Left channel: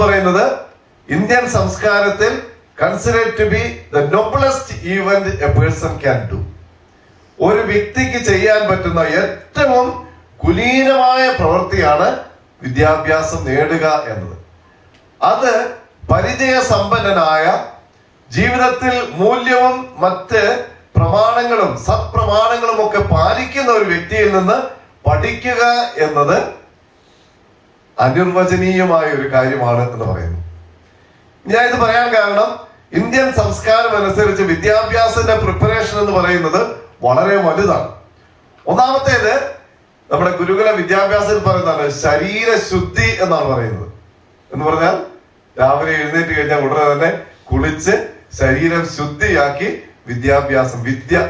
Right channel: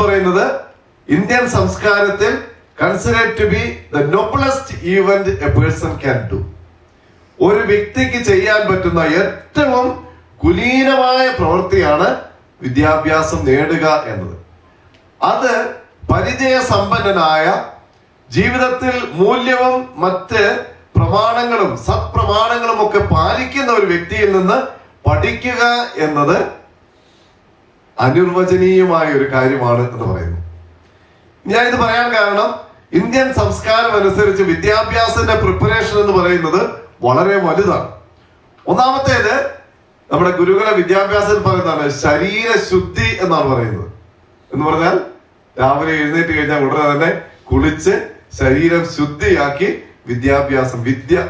പറയുന്നത് ഇന്ത്യൻ സംസ്കാരത്തിൽ considered to be the noblest event a person can do. ഒരു വ്യക്തിക്ക് ചെയ്യാൻ പറ്റുന്ന ഏറ്റവും കുലീനമായ പ്രവൃത്തിയാണ് വിദ്യാഭ്യാസം നേടുക എന്നത്. അത് പരിചയസമ്പന്നനായ, ജീവിതത്തിൽ മൂല്യവും മറ്റ് പ്രമാണങ്ങളും സത്പ്രമാണങ്ങളും ഒക്കെ പാലിക്കുന്ന ഒരു വ്യക്തിയിൽ നിന്ന് പഠിക്കുക എന്നത് അനിർവചനീയമായ ഒരു കാര്യമാണ് എന്ന് പറയുന്നു. ഞാൻ ഇത് പറയാൻ കാരണം, ഇന്ത്യൻ സംസ്കാരം അനുസരിച്ച് വിദ്യാഭ്യാസത്തിന്റെ പ്രിപ്പറേഷൻ എന്ന് പറയുന്നത് വളരെ വലുതാണ്. ഒന്നാമത്തേത് നമ്മുടെ ഗുരുകുല വിദ്യാഭ്യാസത്തിൽ പറയുന്നതാണ് ശരീരശുദ്ധി എന്നാണ് പറയുന്നത്. എന്ന് പറഞ്ഞാൽ രാവിലെ എഴുന്നേറ്റ് കഴിഞ്ഞാൽ ഉടനെ തന്നെ കുളിച്ച് ശരീരം ശുദ്ധിയാക്കി വിദ്യ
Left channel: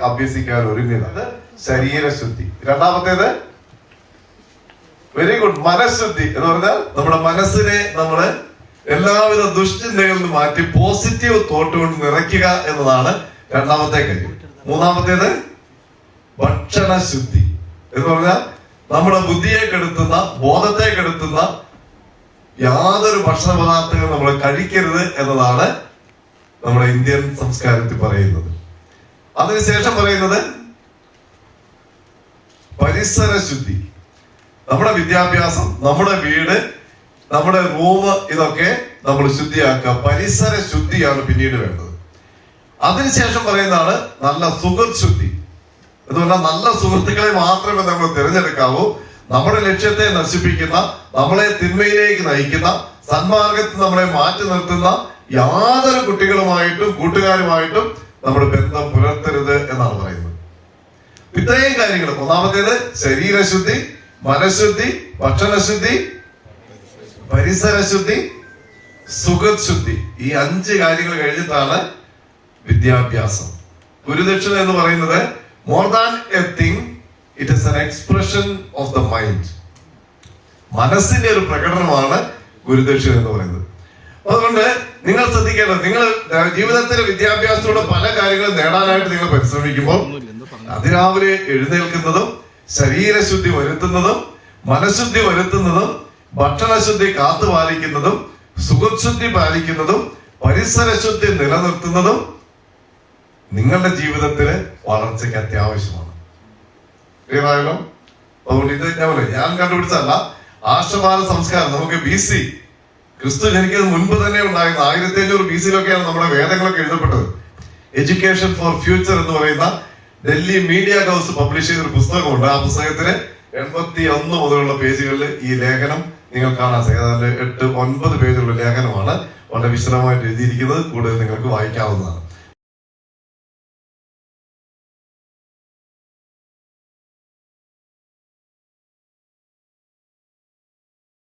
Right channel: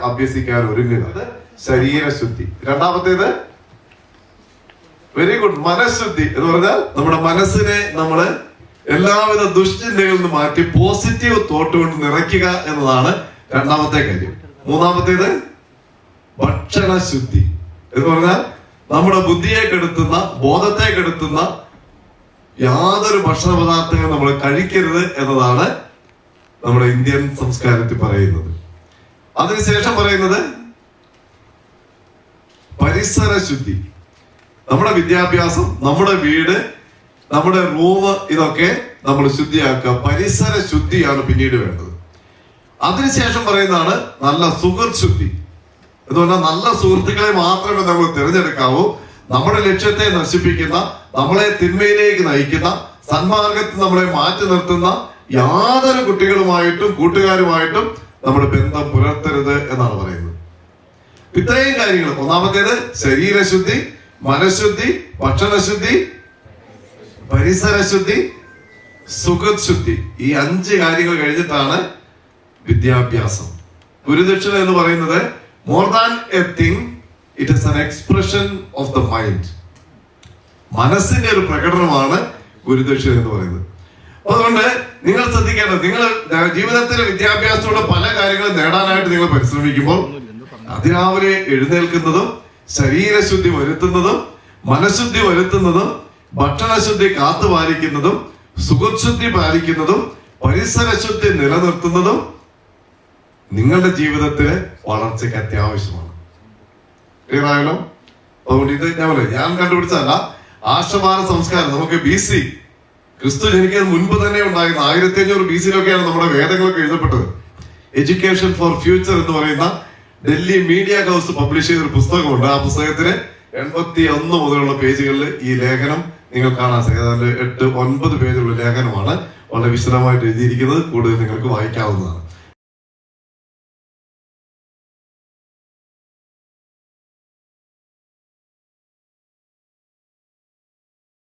അഭ്യസിക്കാൻ ഒരുങ്ങുക, ശരീരശുദ്ധി. രണ്ടാമത്തേത് വെരി ഗുഡ്, മനഃശുദ്ധി എന്ന് പറഞ്ഞാൽ നമ്മുടെ മനസ്സിനെ നമ്മള് എല്ലാവിധ ദുശ്ചിന്തകളിൽ നിന്ന് മാറ്റി പോസിറ്റീവ് തോട്ട് കൊണ്ട് നിറയ്ക്കുക എന്നതാണ് രണ്ടാമത്തെ കാര്യം. മൂന്നാമത്തേത് ഭക്ഷണശുദ്ധി എന്ന് പറഞ്ഞാൽ നമ്മുടെ ബുദ്ധിയെ കെടുത്തുന്ന, ബോധത്തെ കെടുത്തുന്ന യാതൊരു ഭക്ഷണ പദാർത്ഥങ്ങളും നമ്മൾ കഴിക്കരുത് എന്നതാണ് നമ്മുടെ ഇന്ത്യൻ സംസ്കാരത്തിൽ പറയുന്നത്. അതിനുശേഷം പറയുന്നത് പരിസര ശുദ്ധി. നമ്മുടെ വിദ്യാഭ്യാസം, നമ്മുടെ വീട്, നമ്മുടെ റൂം, ഇതൊക്കെ നമ്മൾ ശുദ്ധിയാക്കുക. പരിസര ശുദ്ധിയാണ് പിന്നീട് വേണ്ടത്. അതിനുശേഷം പറയുന്നതാണ് നല്ല സുഹൃത്ത് ശുദ്ധി എന്ന് പറഞ്ഞാൽ നല്ല സുഹൃത്തുക്കളെ മാത്രമേ നമ്മൾ തിരഞ്ഞെടുക്കാവൂ. നമ്മുടെ ലക്ഷ്യത്തെ നശിപ്പിക്കുന്ന, നമ്മളെ തിന്മയിലേക്ക് നയിക്കുന്ന, സന്മാർഗത്തിൽ നമ്മളെ മാറ്റി നിർത്തുന്ന യാതൊരു കുട്ടികളുമായിട്ടും കൂട്ടുകാരുമായിട്ടും നമ്മൾ ബന്ധം പുലർത്തരുത് എന്നാണ് പറയുന്നത്. ഇത്രയും കാര്യങ്ങൾ, ഒന്നാമത്തേത് ശരീരശുദ്ധി, മനഃശുദ്ധി, ഭക്ഷണശുദ്ധി, പരിസരശുദ്ധി, സുഖശുദ്ധി. ഈ 5 കാര്യങ്ങൾ കഴിഞ്ഞിട്ടാണ് വിദ്യാഭ്യാസം. ഗുരുദക്ഷിണ എന്ന് പറയുന്നത് more than A thing, it is an expression of the mind. മനസ്സിന്റെ ഒരു പ്രകടനമാണ് ഗുരുദക്ഷിണ എന്ന് പറയുന്നത്. അതുകൊണ്ട് നിങ്ങൾ ശ്രദ്ധിക്കേണ്ടത്, നിങ്ങൾ ജീവിതത്തിലെ വിദ്യാഭ്യാസത്തിലുള്ള പല കാര്യങ്ങളും നേടാനായിട്ട് നിങ്ങൾ പരിശ്രമിക്കുമ്പോൾ അതിരാവിലെ എഴുന്നേൽക്കുന്നതും ശരീരശുദ്ധി വരുത്തുന്നതും മനഃശുദ്ധി വരുത്തുന്നതും ഭക്ഷണശുദ്ധി കാത്തുപാലിക്കുന്നതും സുഖശുദ്ധി പാലിക്കുന്നതും പരിസരശുദ്ധി നിലനിർത്തുന്നതും നിങ്ങളുടെ ജീവിതത്തിലെ വളർച്ചയ്ക്ക് അത്യാവശ്യമാണ്. ഏതായാലും അതുകൊണ്ട് ഇത് ഞാൻ കണ്ടുപിടിച്ചതല്ല, ആർഷഭാരത സംസ്കാരം നമുക്ക് BC, ക്രിസ്തു ജനിക്കുന്നതിന് മുൻപ് തന്നെ ഉണ്ടായിരുന്ന 1500 BC-ലൊക്കെയാണ് നമ്മുടെ വേദങ്ങളൊക്കെ എഴുതപ്പെട്ടത്. എഡ്യൂക്കേഷൻ ഫോർ ഫ്യൂച്ചർ എന്ന് പറയുന്ന ഡൽഹി മീഡിയ ഹൗസ് പബ്ലിഷ് ചെയ്തൊരു പുസ്തകമുണ്ട്. ആ പുസ്തകത്തിന് 81 മുതലുള്ള പേജുകളിൽ ഈ ലേഖനം നിങ്ങൾ കാണാൻ സാധിക്കും. 8-9 പേജുള്ള ലേഖനമാണ്. വളരെ വിശദമായിട്ട് എഴുതിയിരിക്കുന്നത്. കൂടുതൽ നിങ്ങൾക്ക് വായിക്കാവുന്നതാണ്.